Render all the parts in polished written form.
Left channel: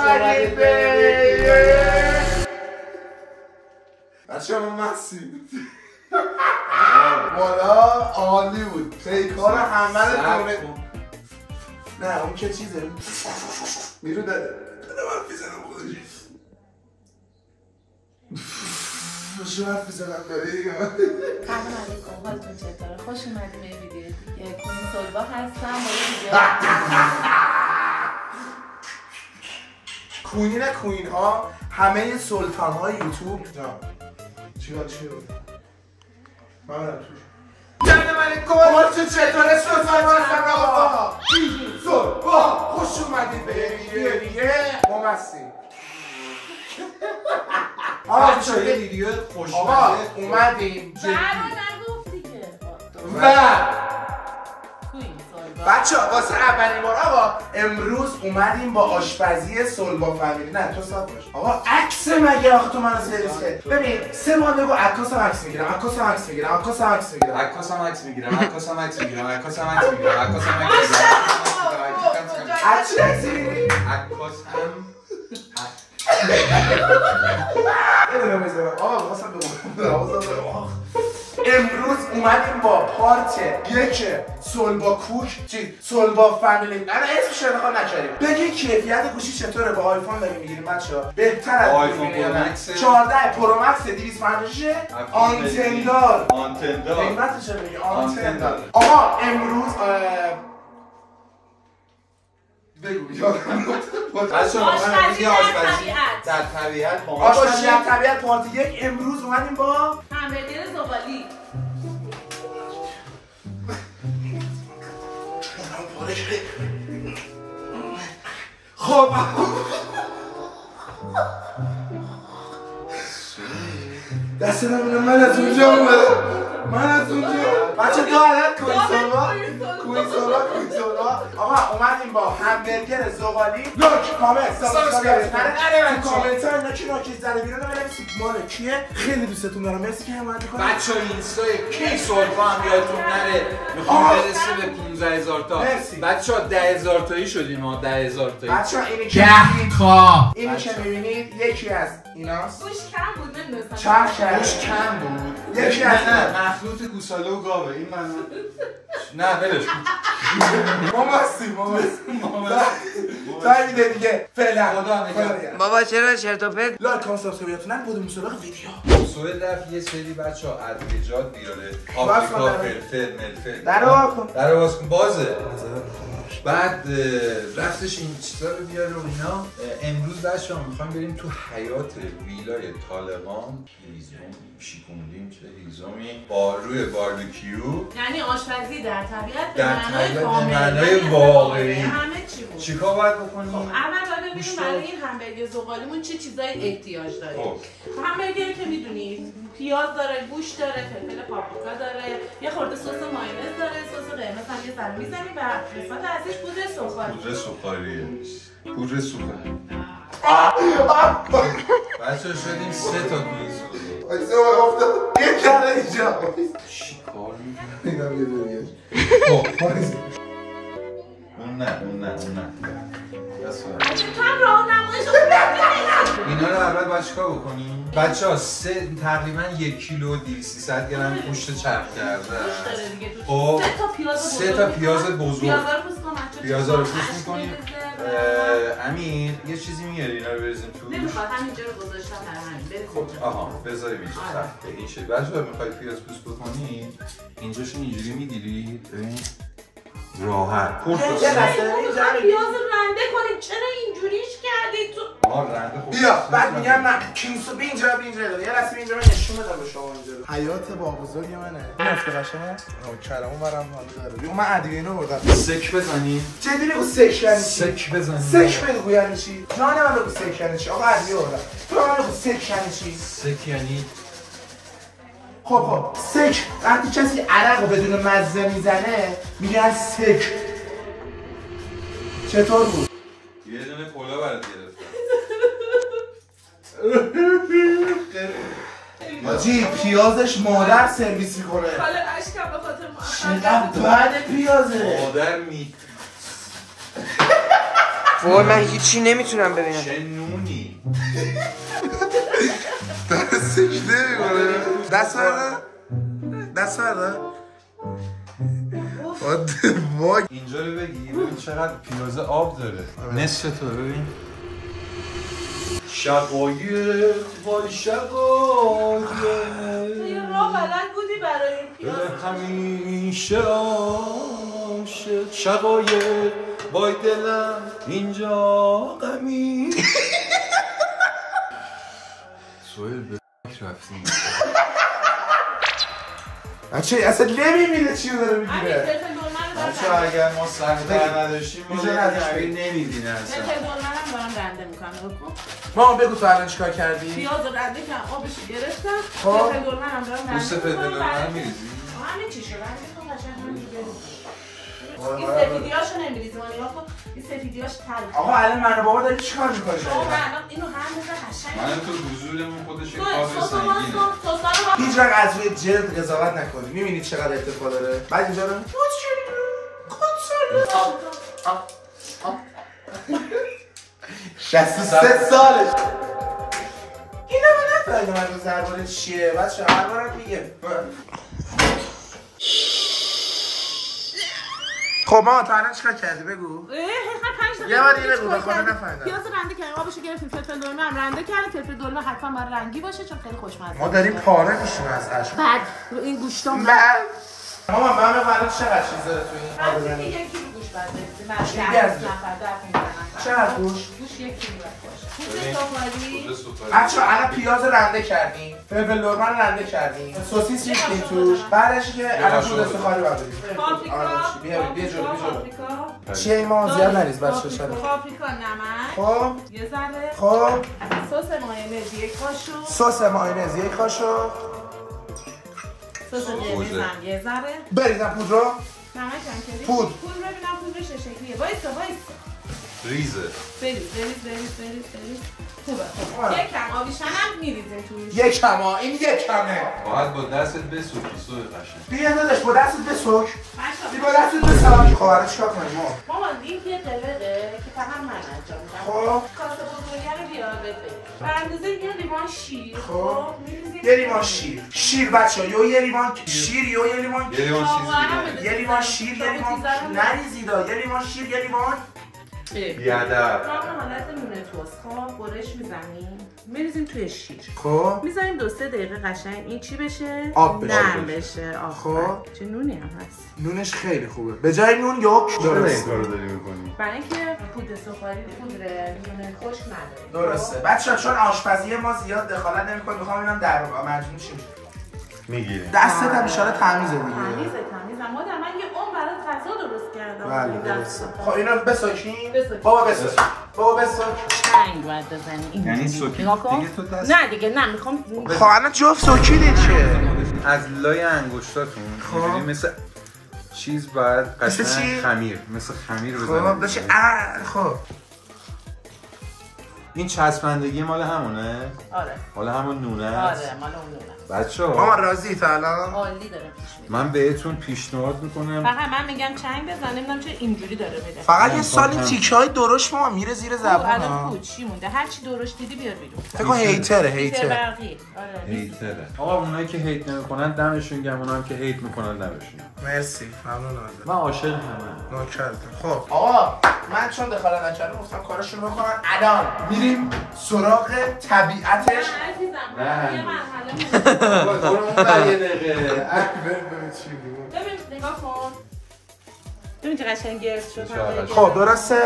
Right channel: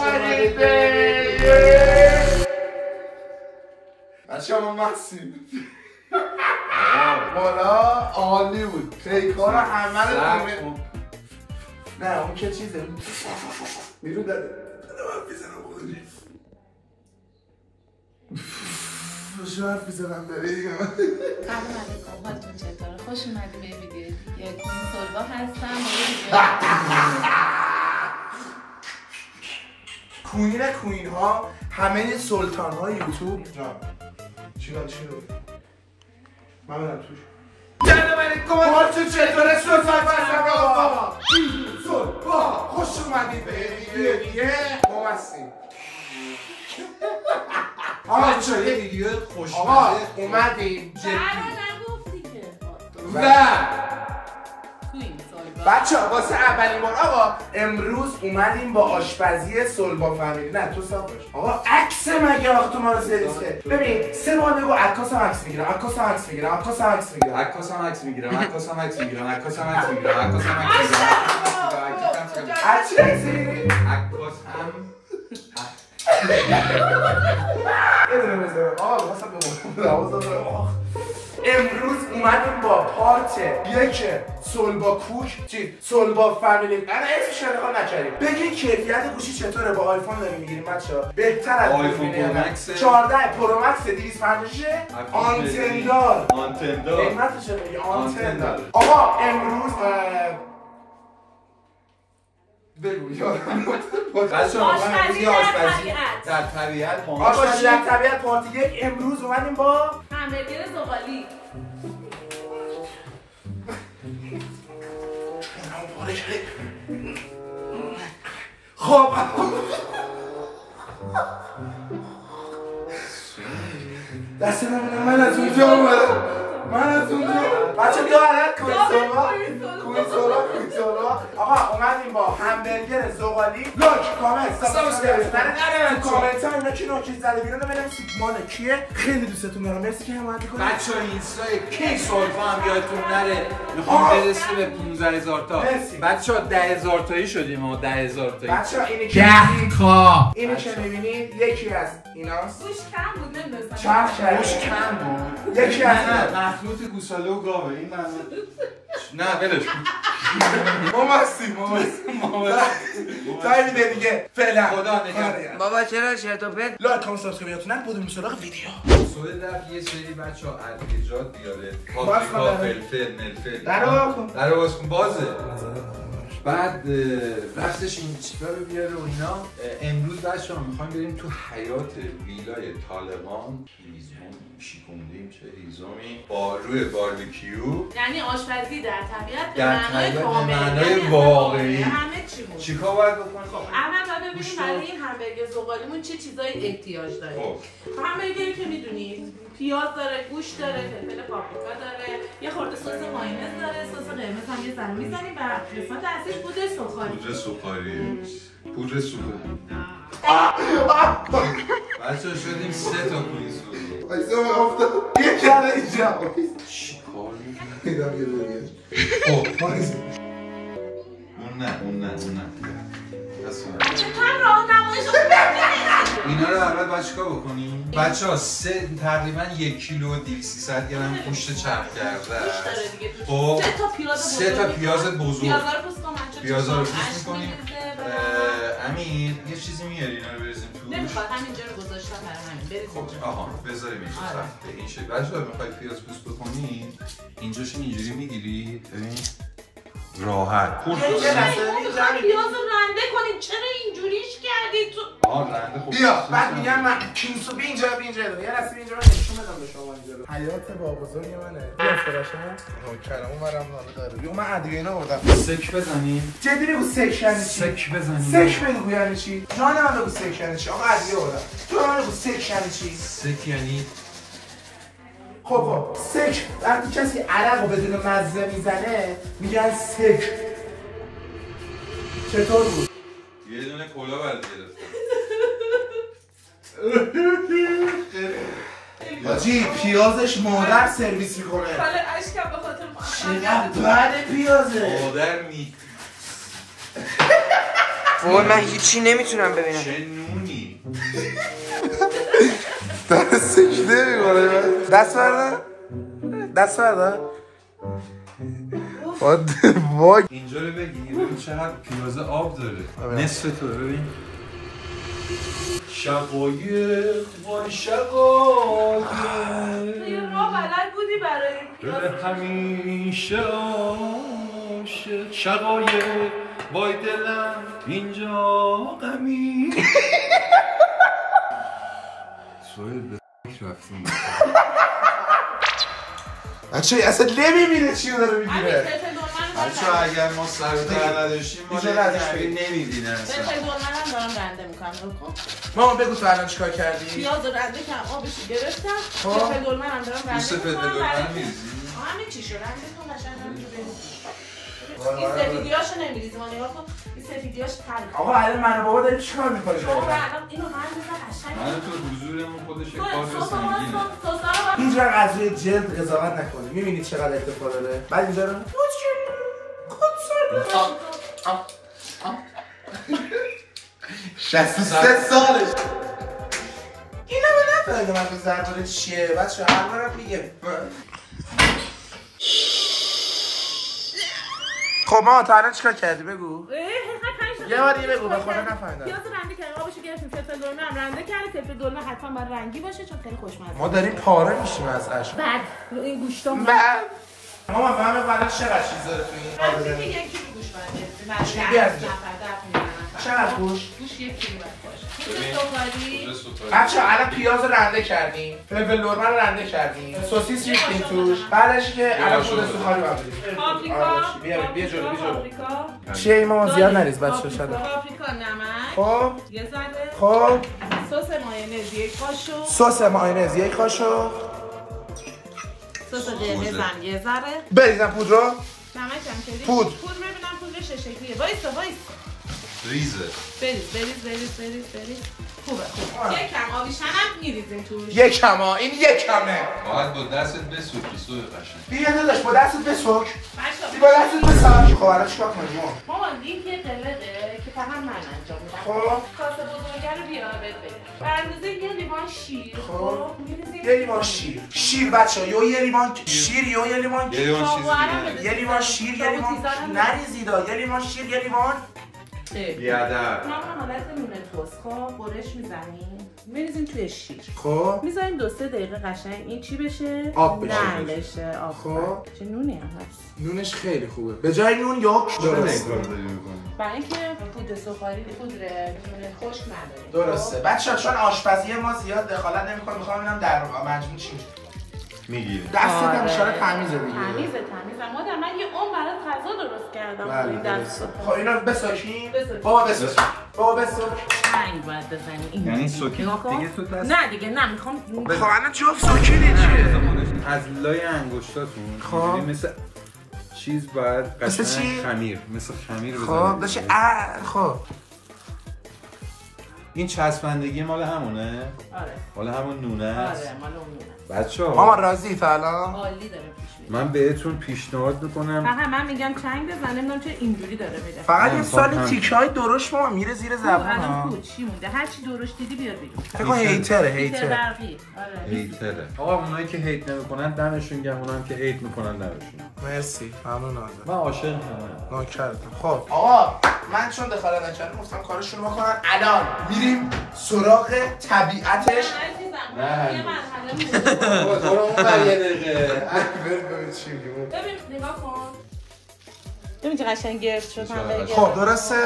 اومدید به بچه همون محسیم والا عالی بود پیکار همه رو نه اون که چیزه میرو داده من میزنم خودش شو حرف میزنم داره دیگه من سلام علیکم حالتون چطوره؟ خوش اومدی به ویدیو دیگه کوین سولبا هستم با یه ویدیو کوین کوین ها همه سلطان های یوتیوب چی من برم توش جنب علیکم حالتون چطوره سلطان آقا سلطان خوش اومدید به ویدیو دیگه ما هستیم آقا چه یه ویدیو خوشمزه آقا اومدیم جدی و بچه ها واسه اولین بار آقا امروز اومدیم با آشپزی سولبا فامیلی نه تو صاحب باش آقا عکس مگه آخه تو منو سرویس کرد ببین سه بار بگو عکاسم عکس میگیرم عکاسم عکس میگیرم عکاسم عکس میگیرم عکاسم عکس میگیرم عکاسم عکس میگیرم عکاسم عکس میگیرم عکاسم عکس میگیرم عکس عکس میگیری عکاسم اینو میذارم آقا واسه بگم امروز اومدیم با پارت یک سولبا کوک چی سولبا فامیلی انا اسمش رو انتخاب نکردیم بگی کیفیت گوشی چطوره با آیفون داریم میگیریم بچه‌ها بهتر از آیفون پرو مکس 14 پرو مکس 256 آنتن دار قیمتش رو بگی آنتن دار آقا امروز بگو آشپزی در طبیعت آشپزی در طبیعت پارت یک امروز اومدیم با همبرگر زغالی خب دست من از اونجا اومدم من از اونجا بچه دارد کوین سولبا آقا اومدیم با همبرگر زغالی لوک کامنت سابسکرایب نره کامنت ها اینا کی نوچیز زده بیرون بنویسید مال کیه خیلی دوستتون دارم مرسی که حمایت میکنید بچه ها اینستای کی سولفا هم یادتون نره میخوام برسه به 15000 تا بچه ها 10000 تایی شدیم ها 10000 تایی بچه ها اینی که میبینید یکی از ایناست گوش کم بود نمیدونستم چرخ گوش کم بود یکی از مخلوط گوساله و گاوه این من نه ولش ما هستیم تا این ویدیو دیگه فعلا خدا نگهدار بابا چرا چرت و پرت لایک کامنت سابسکرایب نتونن بریم سراغ ویدیو سوال رفت یه سری بچه‌ها ادویجات بیاره پاپریکا فلفل ملفل در باز کن بازه بعد رفتش این چیزا رو بیاره و اینا امروز بچه‌ها می‌خوایم بریم تو حیات ویلای طالقان هیزم شیکوندیم چه هیزمی با روی باربیکیو یعنی آشپزی در طبیعت به معنای واقعی همه چی بود چیکار باید بکنیم؟ خب اول باید ببینیم برای این همبرگر زغالیمون چه چیزایی احتیاج داریم همبرگری که میدونیم پیاز داره گوش داره فلفل پاپریکا داره یه خورده سس مایونز داره سس قرمز هم یه ذره میزنیم و قسمت اصلیش پودر سوخاری بچه‌ها شدیم 3 تا کوین سوخاری ایسا من افتاد یه کنه اینجا چیکار اینم یه دوریه خب اون نه تو هم راهنماییش رو اینا رو اول باید چیکار بکنیم؟ بچه‌ها تقریبا 1 کیلو 200 گرم گوشت چرخ کرده خب 3 تا پیاز بزرگ پیازا رو پوست می‌کنیم امین یه چیزی میاری اینا رو بریزیم تو نمیخواد همینجا رو گذاشتم برای همین بریزیم آها بذاریم اینجا سخته این شکل بچه‌ها می‌خواید پیاز پوست بکنید اینجاشو اینجوری می‌گیرید ببین راحت پیاز رو رنده کنیم چرا اینجوریش کردی تو رنده خوب بیا بعد میگم من کینسو بی اینجا یه لحظه اینجا رو نشون بدم به شما اینجا حیات با بزرگ منه نفت قشنگ نوکرمو برام حالا داره یو من ادویه اینا بردم سک بزنیم جدی بگو سک یعنی چی سک بزنیم سک بگو یعنی چی جان من بگو سک یعنی چی آقا ادویه بردم تو من بگو سک یعنی چی سک یعنی خب سک وقتی کسی عرق رو بدون مزه میزنه میگن سک چطور بود یه دونه کولا برات حاجی پیازش مادر سرویس میکنه حالا اشکم به خاطر چقدر بد پیازه مادر می وای من هیچی نمیتونم ببینم. چه نونی. داره سجده میکنه. دست برده؟ دست برده؟ وای اینجا رو بگی ببین چقدر پیاز آب داره. نصف تو ببین. شقایق وای شقایق یه راه بلد بودی برای پیاز همیشه عاشق شقایق وای دلم اینجا غمی. سویل به رفتیم بچه اصلا نمیبینه چی داره میگیره. بچه اگر ما سرتر نداشتیم ما نمیبینه اصلا. فلفل دلمه هم دارم رنده میکنم. ما بگو تو الان چیکار کردی؟ پیاز رو رنده کردم آبش گرفتم. فلفل دلمه هم دارم رنده میکنم. فلفل دلمه رو میریزی؟ همه چیشو رنده کن قشنگ همینجوری بریزی. این سفیدیاشو نمیریزی ما نگاه کن. این سفیدیاش تلخه. آقا الان من و بابا داریم چیکار می‌کنیم؟ شما الان اینو رنده قشنگ. من تو حضورمون خودش کار سنگینه. هیچ وقت از روی جلد قضاوت نکنید. می‌بینید چقدر ارتفاع داره؟ بعد اینجا رو 63 سالش. اینو من نفهمیدم من زربان چیه. بچه هر بارم میگه. خب ما تا الان چیکار کردی بگو؟ یه بار دیگه بگو به خدا نفهمیدم. پیاز رنده کردیم آبشو گرفتیم فلفل دلمه هم رنده کردیم. فلفل دلمه حتما باید رنگی باشه چون خیلی خوشمزه. ما داریم پاره میشیم از اشک. بعد این گوشتام ماما من بفهمم چقدر چیز داره تو این یکی گوش بعد چی گردی؟ چقدر گوش؟ گوش یک کیلو باشه. بچه الان پیاز رنده کردیم، فلفل دلمه رو رنده کردیم، سوسیس ریختیم توش، بعدش که الان پودر سوخاری باید بدیم. بیا جلو چیه این ما زیاد نریز بچه شده. پاپریکا نمک خب یه ذره. خب سس مایونز یک قاشق. سس مایونز یک قاشق. سس قرمز هم یه ذره. بریزم پودر رو. نمک هم که پودر ببینم پودرش چه شکلیه. وایسا ریزه. بریز. خوبه. یکم آبیشن هم میریزیم توش. یکم این یکمه. باید با دستت بسوکی سوی قشنگ. بیا داداش با دستت بسوک. بچه‌ها با دستت بسوک. خب الان چیکار کنیم ما؟ مامان این یه قلقه که فقط من انجام میدم. خب کاسه بزرگه رو بیار بده. به اندازه یه لیوان شیر. خب یه لیوان شیر. شیر بچه‌ها یه لیوان شیر یه لیوان یه لیوان چیزی دیگه. یه لیوان شیر یه لیوان نریزیدا یه لیوان شیر یه لیوان بیادب. ما حالت نون توست خب برش میزنیم میریزیم توی شیر. خب میذاریم 2-3 دقیقه قشنگ این چی بشه؟ آب بشه. نرم بشه. آب. خب چه نونی هم هست. نونش خیلی خوبه. به جای نون یک درسته. برای اینکه پودر سوخاری پودر نون خشک نداره. درسته. بچه‌ها چون آشپزی ما زیاد دخالت نمی‌کنه می‌خوام اینم در مجموع چی میگیره. دستت هم اشاره تمیزه دیگه. تمیزه. مادر من یه عمر برات غذا درست کردم. بله درسته. خب اینا بسوکیم. بسوک. بابا بسوک. رنگ باید بزنی. یعنی سوکی دیگه تو دست. نه دیگه نه میخوام. خب الان جفت سوکیدین چیه؟ از لای انگشتاتون اینجوری مثل چیز باید قشنگ خمیر مثل خمیر بزنید. خب داشته خب این چسبندگی مال همونه؟ آره. مال همون نونه است؟ آره مال اون نونه. بچه‌ها ماما راضی تا الان؟ عالی داره پیش میره. من بهتون پیشنهاد میکنم فقط من میگم چنگ بزن نمیدونم چه اینجوری داره میره. فقط یه سالی تیک‌های درشت ماما میره زیر زبون ها. الان چی مونده؟ هر چی درشت دیدی بیار بیرون. فکر کن هیتره. هیتره. آقا اونایی که هیت نمیکنن دمشون گرم، اونایی که هیت میکنن دمشون. مرسی ممنونم. من عاشق همه. نوکرتم. خب آقا من چون دخالت نکردم گفتم کارشون رو بکنن. الان میریم سراغ طبیعتش. نه یه مرحله ببین نگاه کن. ببین چه قشنگ گرد شد. خب درسته؟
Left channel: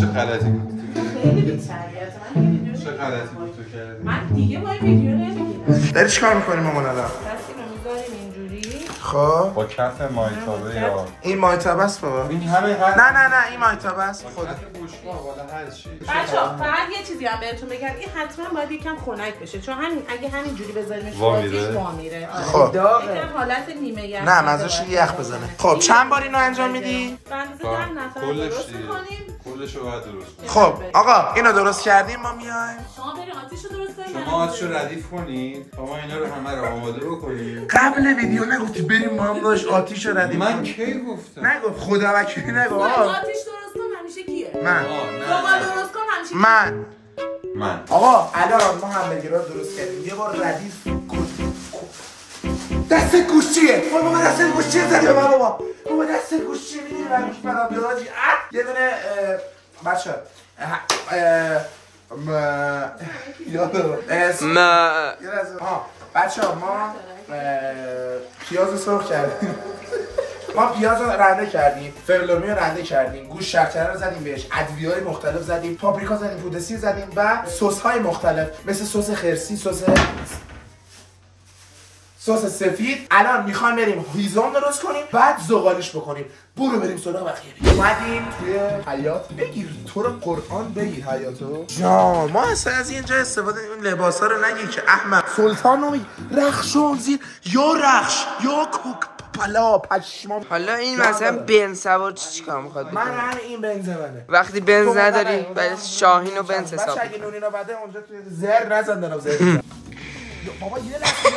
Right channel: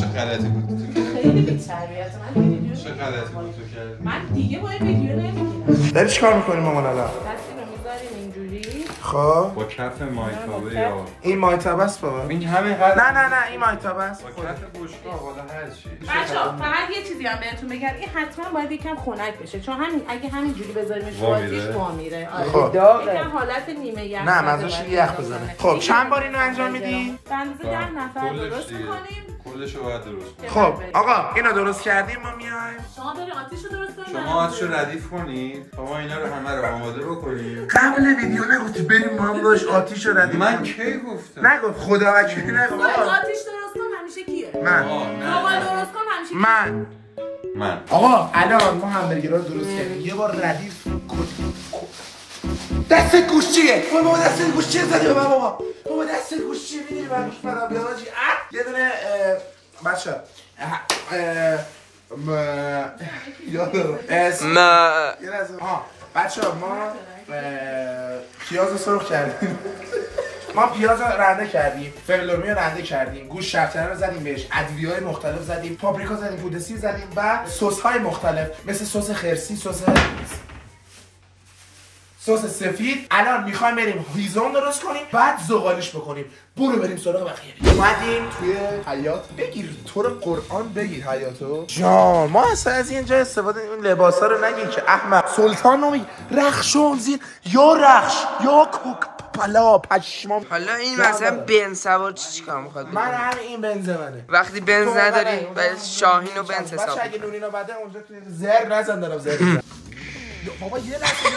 چه غلطی بود تو خیلی بی‌تربیته. من ویدیو چه غلطی بود تو کردی؟ من دیگه با این ویدیو نمیگیرم. داری چیکار می‌کنیم مامان الان؟ دستی رو میذاریم اینجوری. خب با کف مایتابه یا این مایتابه است بابا. این همه نه این مایتابه است. خود بشقا والا هر چی. بچه‌ها فقط یه چیزی هم بهتون بگم این حتما باید یکم خنک بشه چون همین اگه همینجوری بذاریمش رو آتیش وامیره. خب یکم حالت نیمه گرم. نه مزهش یخ بزنه. خب چند بار اینو انجام میدی؟ بندازه 10 نفر درست می‌کنیم. کلش رو باید درست کنیم. خب آقا اینو درست کردیم ما میایم. شما برید آتیش رو درست کنید. شما آتیش رو ردیف کنید. ما اینا رو همه رو آماده بکنیم. قبل ویدیو نگفتی بریم ما هم داشت آتیش رو ردیم. من کی گفتم؟ نگفت خدا وکیلی نگفت. آتیش درست کن همیشه کیه؟ من. زغال درست کن همیشه من. آقا الان ما همبرگر رو درست کردیم. یه بار ردیف دست گوشیه. بابا دست گوشیه زدی به من بابا. بابا دست گوشیه میدونی من میش بدم بیاد آجی. یه دونه بچه بچه ما پیاز سرخ کردیم. ما پیاز رو رنده کردیم، فلفل رو رنده کردیم، گوشت شرکره رو زدیم بهش، ادویه‌های مختلف زدیم، پاپریکا زدیم، پودر سیر زدیم و سس‌های مختلف مثل سس خرسی، سس سفید. الان میخوایم بریم هیزم درست کنیم، بعد زغالش بکنیم. برو بریم سراغ بقیه. اومدیم توی حیاط. بگیر تو رو قرآن بگیر حیاطو جان. ما اصلا از اینجا استفاده اون لباسا رو نگیر که احمق. سلطان نمی رخشون زیر یا رخش یا کوک پلا پشمام. حالا این مثلا بنز سوار چیکار میخواد؟ من هم این بنز منه. وقتی بنز نداری برای شاهین و بنز حساب. بچه اگه نونینا بده اونجا توی زر نزن دارم زر. بابا یه لحظه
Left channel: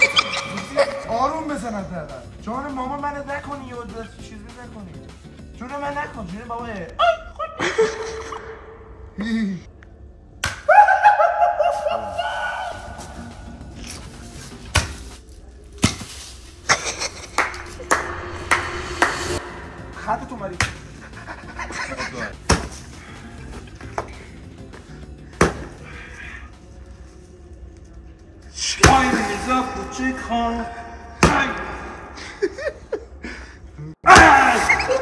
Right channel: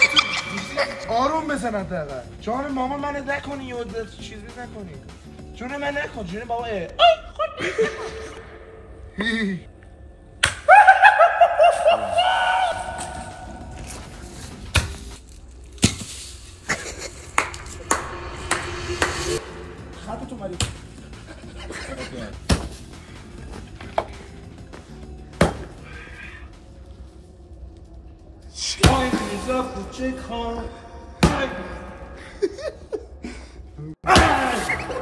آروم بزن حداقل. جان مامان منو نکنی یا چیزی نکنی. جون من نکن. جون بابا آی خود. خط تو مری.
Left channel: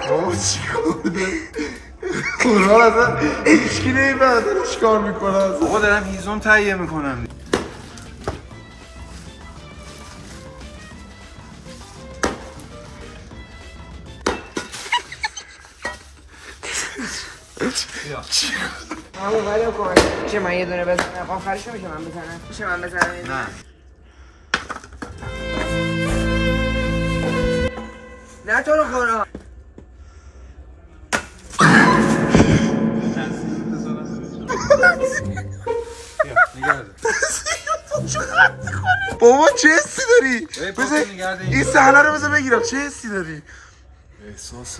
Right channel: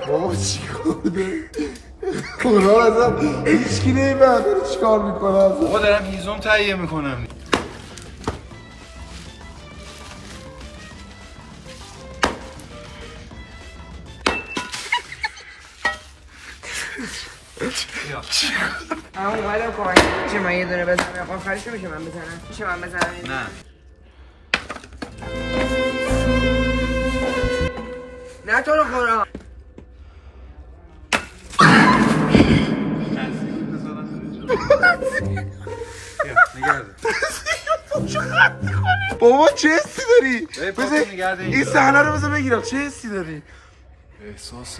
بابا چی کرده؟ قرآن ازم ایشکی نمیبرد چیکار میکنه ازم. آقا دارم هیزم تهیه میکنم. همون قدم کمک میشه من یه دونه بزنم. آخرش میشه من بزنم. میشه من بزنم؟ نه نه تو رو خورا. بابا چه حسی داری؟ بذار این صحنه رو بذار بگیرم. چه حسی داری؟ احساس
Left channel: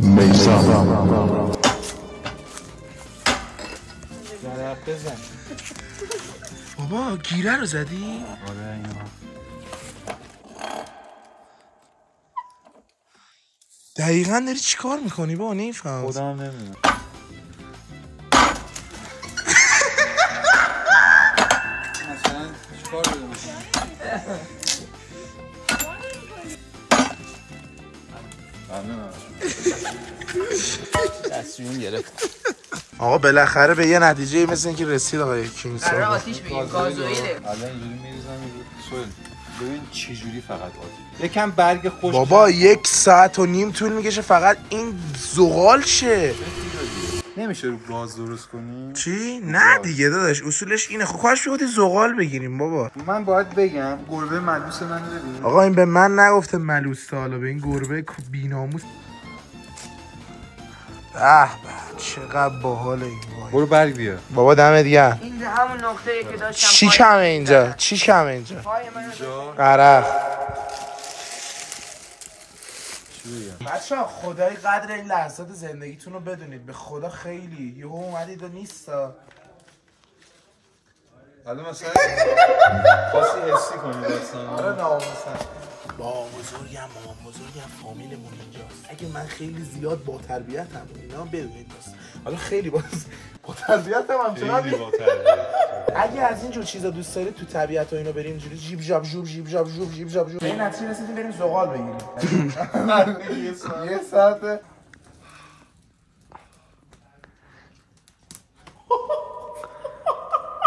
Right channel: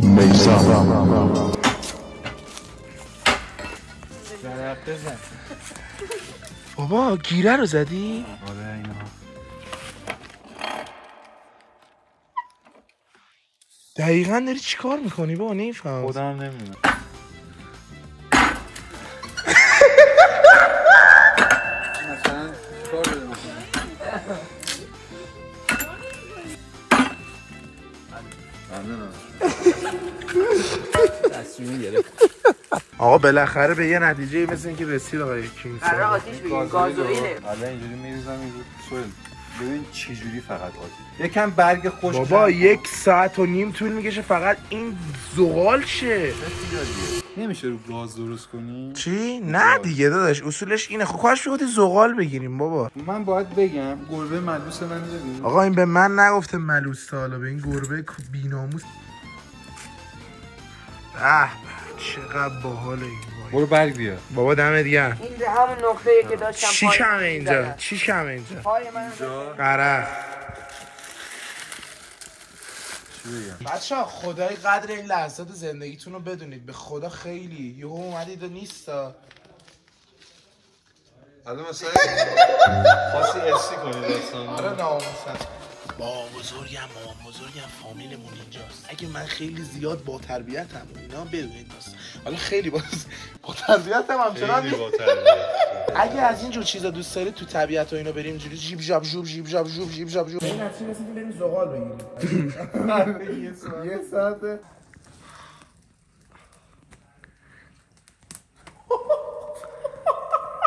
میسم بزن. بابا گیره رو زدی؟ آره اینا دقیقا داری چی کار میکنی بابا؟ نمیفهم. خودم نمیدونم. مثلا چیکار داره میکنی؟ ممنونم. تصمیم گرفت. آقا بالاخره به یه نتیجه مثل اینکه رسید آقای کینگسون. قرار آتیش بگیریم. گازوئیله. حالا اینجوری میریزم ببین چه جوری فقط آتیش. یکم برگ خوش. بابا 1.5 ساعت طول میکشه فقط این زغال شه. نمیشه رو گاز درست کنی؟ چی؟ نه دیگه داداش اصولش اینه. خب کاش بودی زغال بگیریم بابا. من باید بگم گربه ملوس من ببین. آقا این به من نگفته ملوس تا حالا، به این گربه بی‌ناموس. چقدر باحاله این. برو برگ بیار. بابا دمت گرم. این همون نقطه‌ای که داشتم. چی کمه اینجا؟ چی کمه اینجا؟ اینجا قرق. چی بگم؟ بچه‌ها خدای قدر این لحظات زندگیتون رو بدونید. به خدا خیلی یهو اومدید و نیستا. حالا مثلا خاصی حسی کنی داستان. آره ناموسن. بابا بزرگم مامان بزرگم فامیلمون اینجاست. اگه من خیلی زیاد با تربیتم اینا بدونید بس. حالا خیلی با تربیتم همچنان خیلی با تربیت. اگه از اینجور چیزا دوست دارید تو طبیعت و اینا بریم اینجوری جیب جاب جوب جیب جاب جوب جیب جاب جوب. این نتیجه رسیدیم بریم زغال بگیریم. یه ساعت.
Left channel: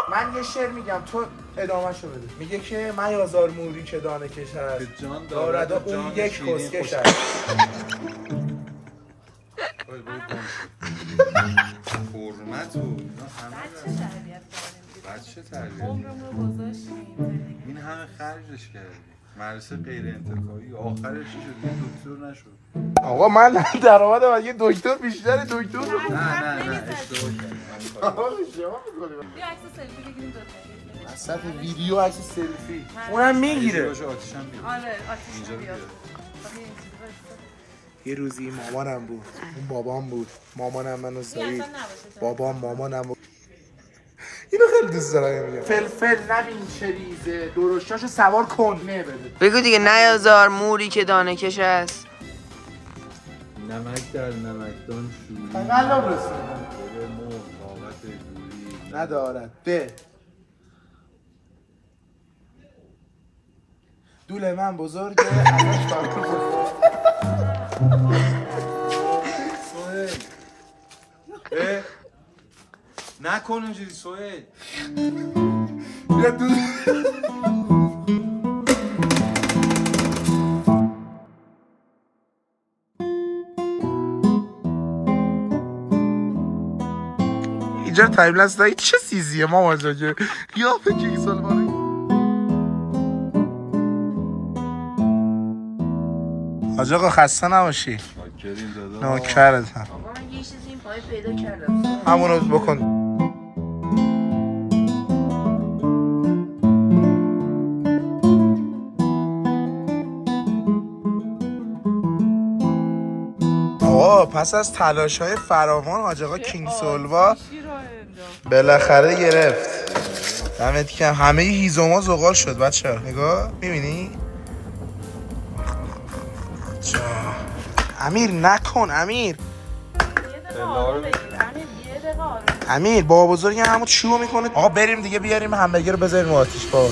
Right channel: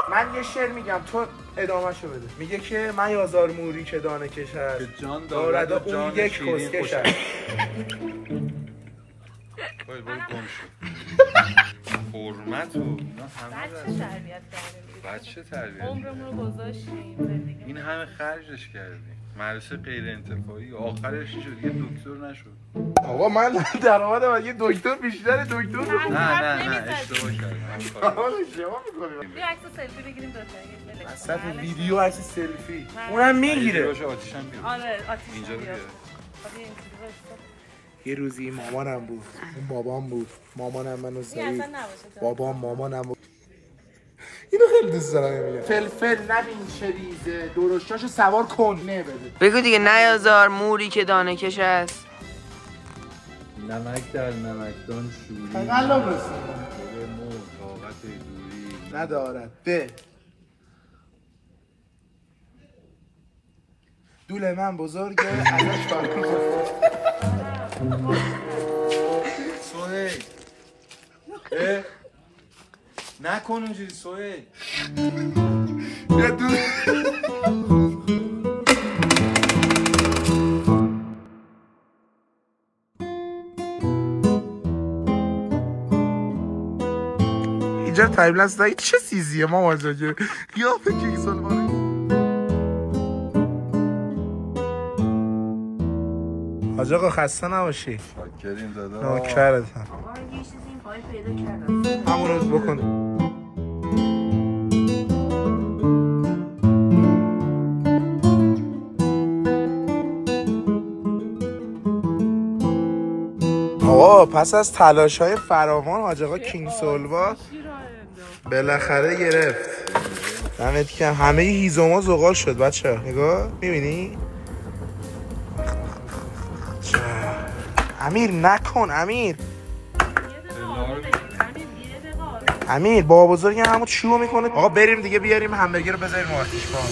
من یه شعر میگم تو ادامه‌شو بده. میگه که من یازار موری که دانه کشد جان دارد اون یک کس کشد. وای برو گم حرمت و اینا همه بچه تربیت کردیم. بچه تربیت عمرمون رو گذاشتیم. این همه خرجش کردیم. مدرسه غیر انتفاعی آخرش شد یه دکتر نشد. آقا من درآمدم یه دکتر بیشتره دکتر نه اشتباه کردم. آقا اشتباه می‌کنی. یه عکس سلفی بگیریم دو تا. وسط ویدیو عکس سلفی. اونم میگیره. آتیشم بیاد. آره آتیش بیاد. یه روزی مامانم بود. اون بابام بود. مامانم منو زایید. بابام مامانم بود. اینو خیلی دوست دارم میگم. فلفل نبین چریزه درشتاشو سوار کن نه بده. بگو دیگه نیازار موری که دانه کش است. نمک در نمکدان شوری. فقط برسون. به مور طاقت دوری ندارد. به. دول من بزرگه ازش فرق سوهیل نکن اینجوری سوهیل. بیا دول اینجا تایملپس دایی چه سیزیه مامان جا یا فکر سلمانی حاج آقا خسته نباشی. شاکریم دادا. نوکرتم. آقا من یه چیزی این پای پیدا کردم. همون رو بکن. آقا پس از تلاش‌های فراوان حاج آقا کینگ سولوا بالاخره گرفت. دمت گرم. همه هیزوما زغال شد بچه‌ها. نگاه می‌بینی؟ امیر نکن امیر. امیر بابا بزرگ همون چیو میکنه. آقا بریم دیگه بیاریم همبرگر رو بذاریم آتیش با. مال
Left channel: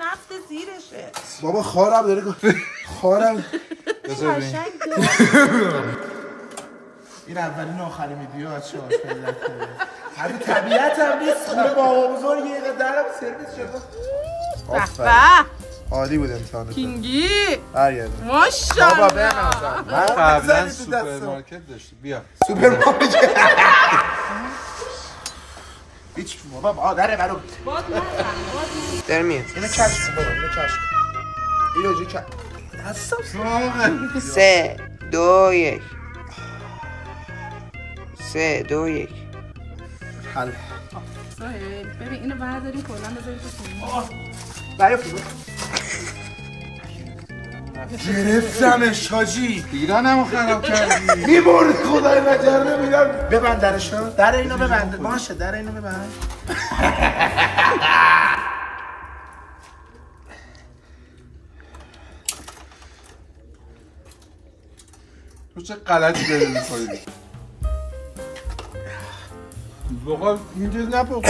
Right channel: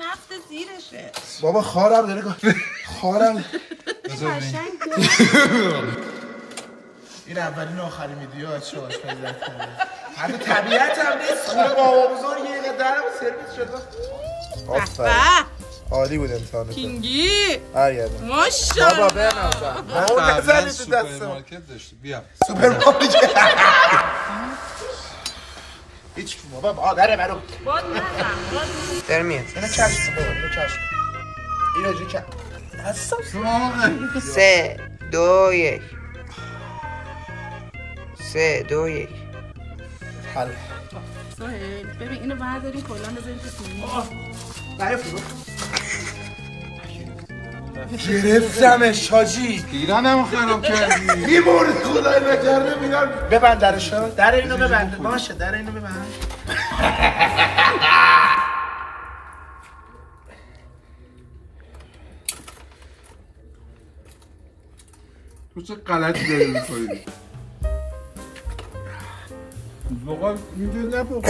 نفت زیرشه. بابا خارم داره خارم. این اولین آخرین ویدیو بچه‌ها خیلی حتی طبیعت هم نیست. خونه بابا بزرگ یه درم سرویس شده. آفرین. عالی بود امتحانت. کینگی برگردم. ماشاءالله. بابا بنازم. ما قبلا سوپرمارکت داشتیم. بیا. سوپرمارکت. هیچ کی بابا مادر منو. باد نزن. در میاد. اینو کشف کن بابا. اینو کشف کن. اینو جو کشف. اصلا 3 2 1 3 2 1 حالا سهیل ببین اینو برداریم کلا بذاریم تو سینی. گرفتمش حاجی. ایرانمو خراب کردی. میبرد خدای نکرده میرم. ببند درشو. در اینو ببند. باشه در اینو ببند. تو چه غلطی داری می‌کنی؟ واقعا اینجوری نپخت.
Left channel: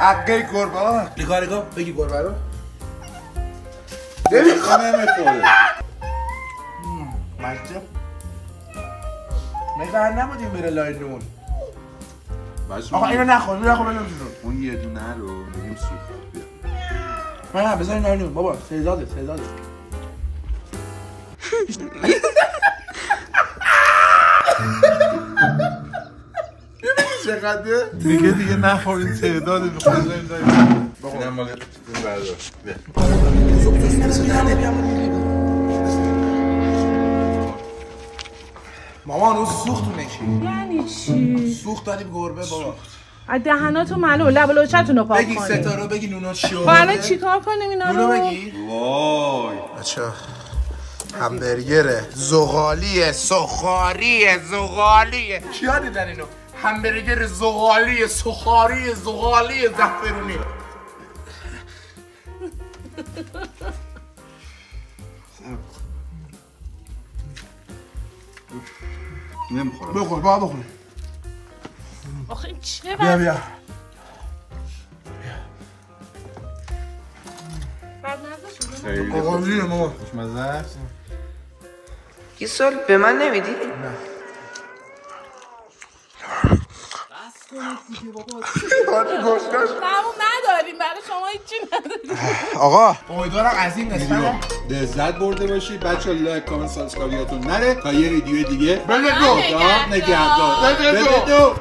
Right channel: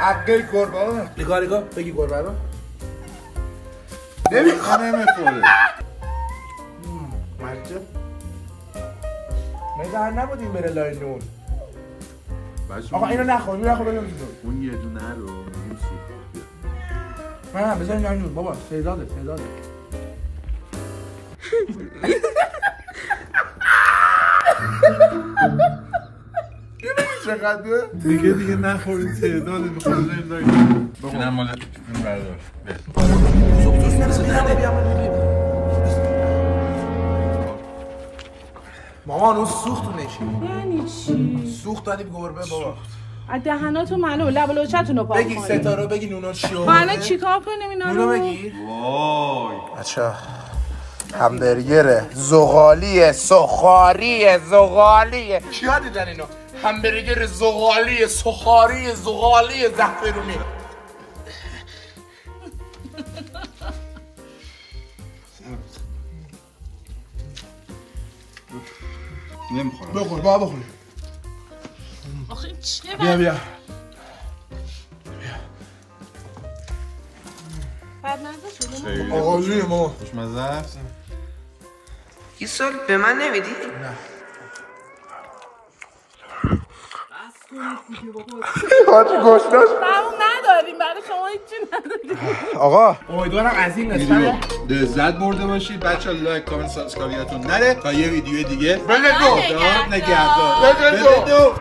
عقه گربه. نگاه بگی گربه رو. نمیخوره. مجد. مگر نبودیم بره لای نون. آقا اینو نخور بلند شو. اون یه دونه رو میگیم سوخت. نه بزنیم لای نون بابا. سیزاده. چقدر دیگه نخورید تعداد میخواد اینم مال این بردار. مامان اون سوختونه چی؟ یعنی چی؟ سوخت دادیم گربه بابا. دهناتون معلوم لب و لوچتون رو پاک کنید. بگی ستاره بگی نونا چی خب الان چیکار کنیم اینا رو؟ نونو بگی. وای بچا همبرگر زغالی سخاریه. کیا دیدن اینو؟ همبرگر زغالی سخاری زعفرونی. نمیخورم. بخور بابا بخور. آخه این چیه؟ بیا خیلی آقا جون ماما خوشمزه است. یه سال به من نمیدی؟ نه حاجی گوشتاش تموم نداریم برای شما هیچی نداریم. آقا امیدوارم از این قسمت لذت برده باشید. بچه‌ها لایک کامنت سابسکرایبتون نره تا یه ویدیو دیگه. بده دو نگهدار. بده دو